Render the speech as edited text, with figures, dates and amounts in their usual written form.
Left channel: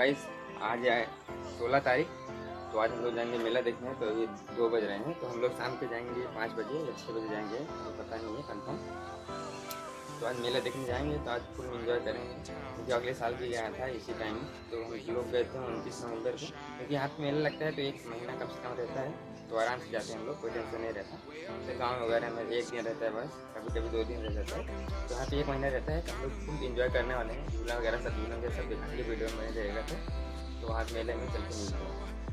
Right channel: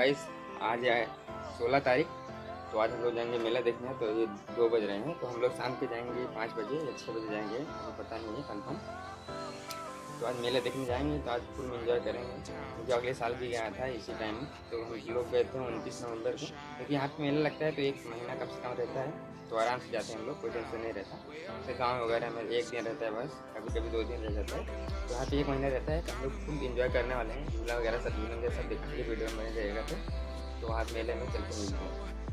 Guys आज है 16 तारीख। तो आज हम लोग जाएंगे मेला देखने। तो ये 2 बज रहे हैं, तो हम लोग शाम के जाएंगे 5 बजे या 6 बजे जाएंगे, हमें पता नहीं है कंफर्म। तो आज मेला देखने जाएंगे, तो आज फुल एंजॉय करेंगे। क्योंकि अगले साल भी गया था इसी टाइम, तो हम लोग गए थे 29 नवंबर को। क्योंकि यहाँ पे मेला लगता है तो 1 महीना कम से कम रहता है, तो आराम से जाते हैं हम लोग, कोई टेंशन नहीं रहता। फिर गाँव वगैरह में 1 दिन रहता है बस, कभी कभी 2 दिन रह जाता है। तो यहाँ पे 1 महीना रहता है, तो हम लोग फुल एंजॉय करने वाले हैं। झूला वगैरह सब झूलेंगे, सब दिखाएंगे, वीडियो में बने रहेगा। तो वहाँ मेले में चल के मिलते हैं।